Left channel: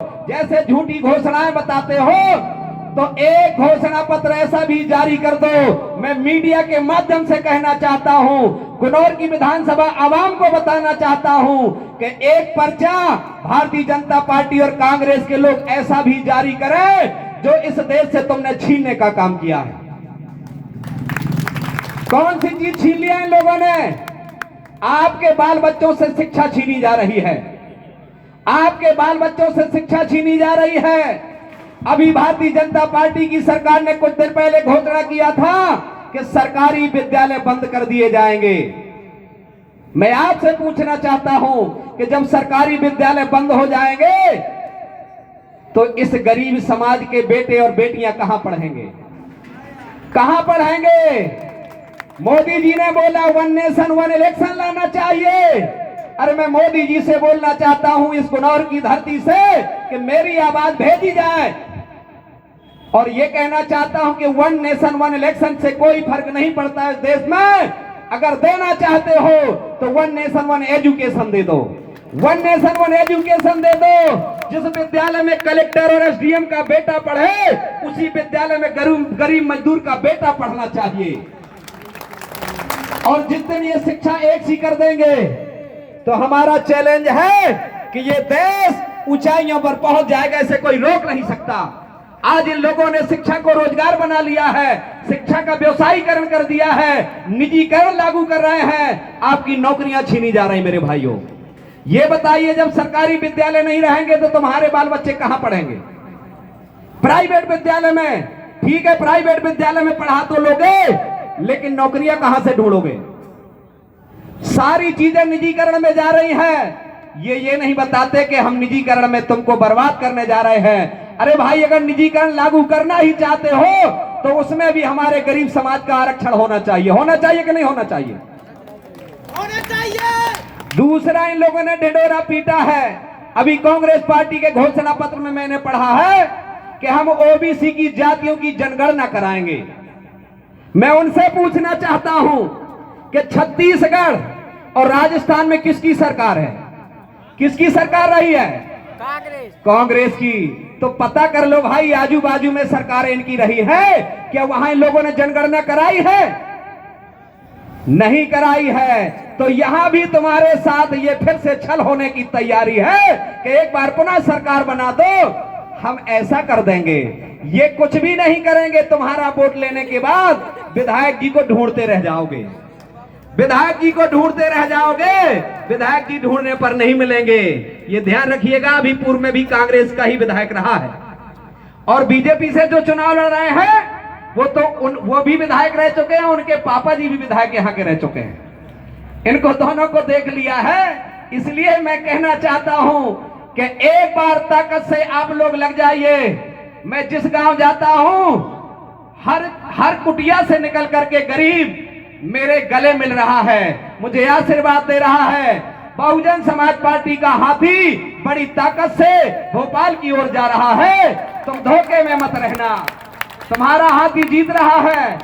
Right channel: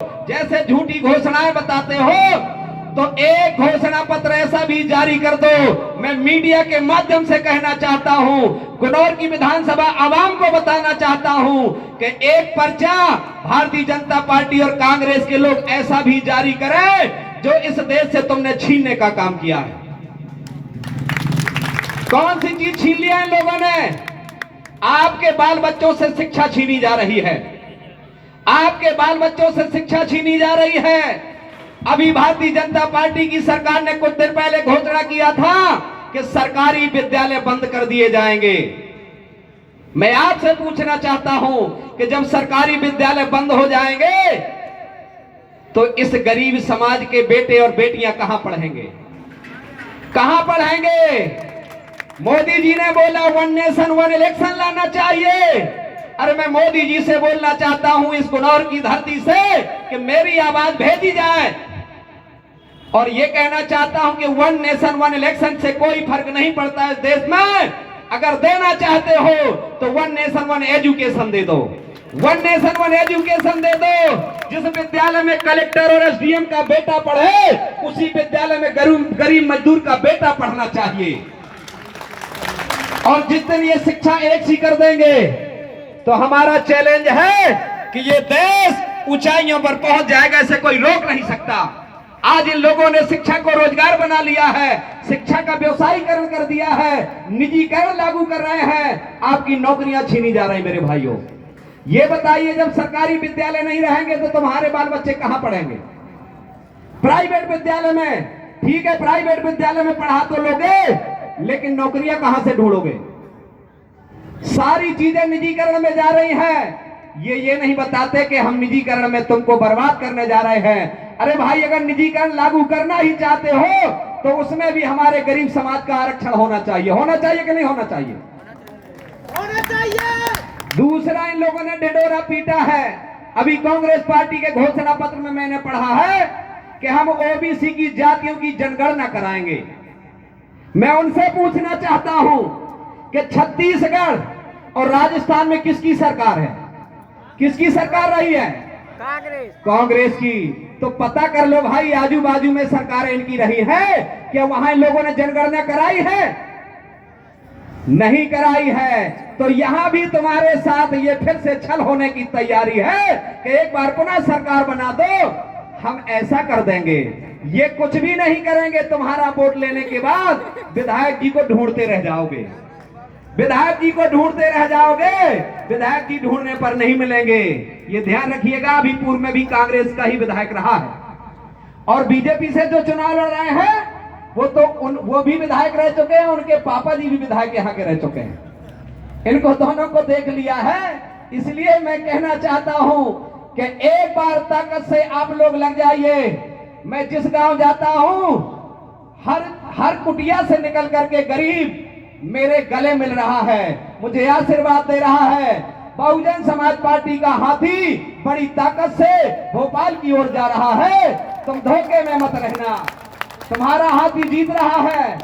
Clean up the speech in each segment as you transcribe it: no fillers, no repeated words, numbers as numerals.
जैसे झूठी घोषणाएं बताते हो, तो एक घोषणा पत्र ऐसा भी जारी कर दो। मैं मीडिया के माध्यम से कहना चाहता हूं, गुनौर की विधानसभा आवाम को बताना चाहता हूं कि एक पर्चा भारतीय जनता पार्टी और कांग्रेस के लोग ऐसा भी जारी करें जो इस देश से तुमने छीनने का काम किया है। कौन सी चीज छीन लिया इन लोगों ने? आपके बाल बच्चों से शिक्षा छीनी जा रही है, आपके बाल बच्चों से शिक्षा छीनी जा रही है। अभी भारतीय जनता पार्टी की सरकार ने कुछ दिन पहले घोषणा किया था कि सरकारी विद्यालय बंद कर दिए जाएंगे। मैं आपसे पूछना चाहता हूं कि जब सरकारी विद्यालय बंद हो जाएंगे तो इस गरीब समाज के बेटे और बेटियां कहां पढ़ेंगे, कहां पढ़ेंगे? मोदी जी ने बोला 1 नेशन 1 इलेक्शन लाना चाहिए। अरे मैं मोदी जी से बोलना चाहता हूं इस गुनौर की धरती से कि मेरी आवाज भेजी जाए, और यह कहना चाहता हूं कि 1 नेशन 1 इलेक्शन से कोई फर्क नहीं पड़ता इस देश में। अगर देना चाहते हो तो 1 नेशन 1 एजुकेशन दे दो, 1 नेशन 1 एजुकेशन दे दो। जिस विद्यालय में कलेक्टर और एसडीएम का बेटा पढ़े, उसी विद्यालय में गरीब मजदूर का बेटा पढ़ना चाहिए। और जिस दिन ये शिक्षा एक सी कर देंगे तो हमारा चैलेंज है कि ये देश ऊंचाइयों पर पहुंच जाएगा, इसे कोई रोक नहीं सकता। आज इन लोगों ने शिक्षा को रोजगार बना लिया है, शिक्षा का व्यवसायीकरण कर दिया है, निजीकरण लागू कर रहे हैं, आपकी नौकरियां छीनी जा रही। मेरे भाइयों, ये बताइए, जब सरकारी विद्यालय नहीं रहेंगे तो तुम्हारे बाल बच्चे कहां पढ़ेंगे? प्राइवेट विद्यालय में। ठीक है, प्राइवेट विद्यालय में पढ़ा तो लोगे, लेकिन नौकरियां कहां से ढूंढोगे? सारी चीजें निजीकरण में जा रही हैं। ये नहीं बताते कि हम निजीकरण में तुमको बर्बाद करने जा रहे हैं। अरे भाई, अगर निजीकरण लागू करना ही चाहते हो तो उसमें भी हमारे गरीब समाज का आरक्षण होना चाहिए। होना चाहिए कि नहीं होना चाहिए? होना चाहिए। दूसरा, इन लोगों ने ढिढोरा पीटा है। अभी कांग्रेस पार्टी के घोषणा पत्र में मैंने पढ़ा है कि हम ओबीसी की जातियों की जनगणना कराएंगे। मैं उनसे पूछना चाहता हूं कि छत्तीसगढ़ और राजस्थान में किसकी सरकार है? किसकी सरकार रही है? कांग्रेस की। तो पता कर लो भाई, आजू बाजू में सरकारें इनकी रही है, क्या वहां इन लोगों ने जनगणना कराई है? नहीं कराई है। तो यहां भी तुम्हारे साथ ये फिर से छल होने की तैयारी है कि एक बार पुनः सरकार बना दो, हम ऐसा कर देंगे। ये कुछ भी नहीं करेंगे। तुम्हारा वोट लेने के बाद विधायक जी को ढूंढते रह जाओगे, विधायक जी को ढूंढते रह जाओगे, विधायक जी ढूंढने पर नहीं मिलेंगे। ये ध्यान रखिएगा। अभी पूर्व में भी कांग्रेस का ही विधायक रहा है, और बीजेपी से जो चुनाव लड़ रहे हैं वो भी विधायक रह चुके हैं, उनके पापा जी भी विधायक यहाँ के रह चुके हैं। इनको दोनों को देख लिया है। इसलिए मैं कहना चाहता हूं कि एक बार ताकत से आप लोग लग जाइए। मैं जिस गांव जाता हूं, हर कुटिया से निकल करके गरीब मेरे गले मिल रहा है, मुझे आशीर्वाद दे रहा है। बहुजन समाज पार्टी का हाथी बड़ी ताकत से भोपाल की ओर जा रहा है। तुम धोखे में मत रहना, तुम्हारा हाथी जीत रहा है।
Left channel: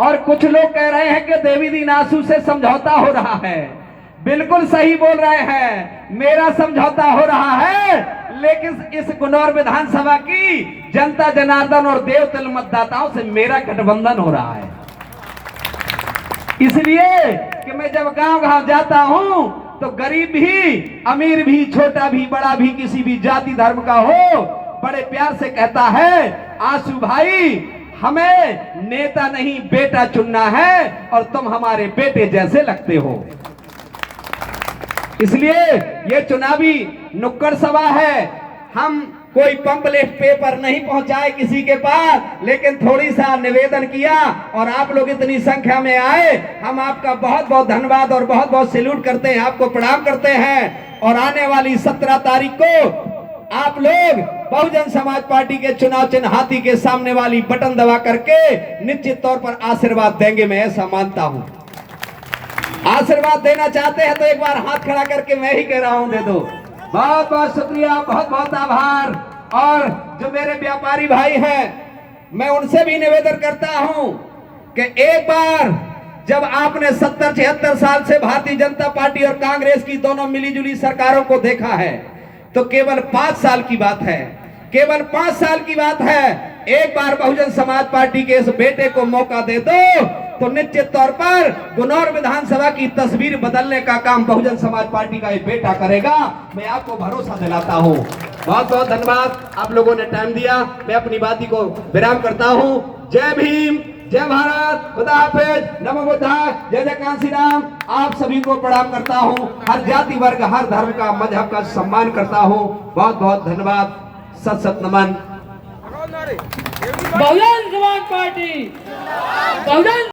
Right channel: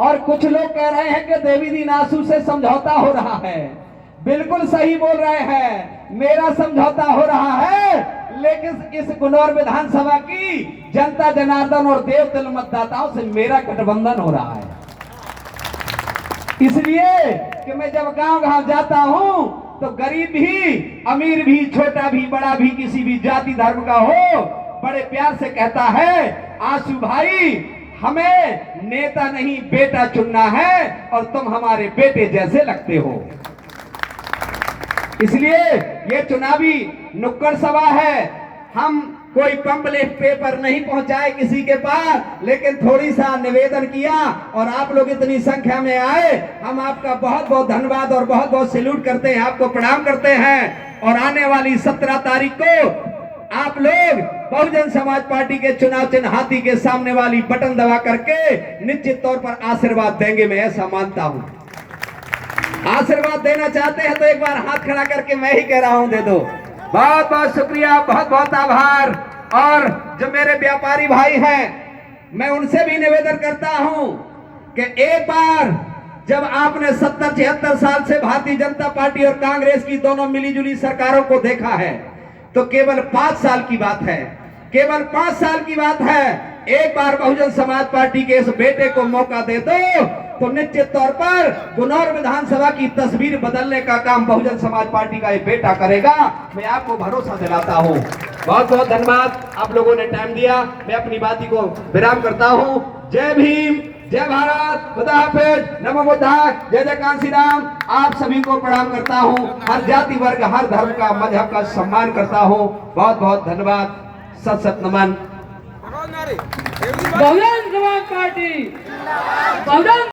और कुछ लोग कह रहे हैं कि देवी दीन आंसू से समझौता हो रहा है। बिल्कुल सही बोल रहे हैं, मेरा समझौता हो रहा है, लेकिन इस गुनौर विधानसभा की जनता जनार्दन और देवतुल्य मतदाताओं से मेरा गठबंधन हो रहा है। इसलिए कि मैं जब गांव-गांव जाता हूं तो गरीब भी, अमीर भी, छोटा भी, बड़ा भी, किसी भी जाति धर्म का हो, बड़े प्यार से कहता है, आंसू भाई, हमें नेता नहीं बेटा चुनना है, और तुम हमारे बेटे जैसे लगते हो। इसलिए ये चुनावी नुक्कड़ सभा है। हम कोई पंपलेट पेपर नहीं पहुंचाए किसी के पास, लेकिन थोड़ी सा निवेदन किया और आप लोग इतनी संख्या में आए। हम आपका बहुत बहुत धन्यवाद और बहुत बहुत सैल्यूट करते हैं, आपको प्रणाम करते हैं। और आने वाली 17 तारीख को आप लोग बहुजन समाज पार्टी के चुनाव चिन्ह हाथी के सामने वाली बटन दबा करके निश्चित तौर पर आशीर्वाद देंगे, मैं ऐसा मानता हूं। आशीर्वाद देना चाहते हैं तो एक बार हाथ खड़ा करके मैं ही कह रहा हूं, दे दो। बहुत बहुत शुक्रिया, बहुत बहुत आभार। और जो मेरे व्यापारी भाई हैं, मैं उनसे भी निवेदन करता हूं कि एक बार जब आपने 70-76 साल से भारतीय जनता पार्टी और कांग्रेस की दोनों मिलीजुली सरकारों को देखा है, तो केवल 5 साल की बात है, केवल 5 साल की बात है। एक बार बहुजन समाज पार्टी के इस बेटे को मौका दे दो तो निश्चित तौर पर गुनौर विधानसभा की तस्वीर बदलने का काम बहुजन समाज पार्टी का ये बेटा करेगा। मैं आपको भरोसा दिलाता हूं। बहुत बहुत धन्यवाद, आप लोगों ने टाइम दिया। मैं अपनी बात को विराम करता हूं। जय भीम, जय भारत, खुदा हाफिज, नमो बुद्धाय, जय जय कांसी राम। आप सभी को प्रणाम करता हूं। हर जाति वर्ग, हर धर्म का, मजहब का सम्मान करता हूं। बहुत बहुत धन्यवाद, सत सत नमन। बहुजन समाज पार्टी, बहुजन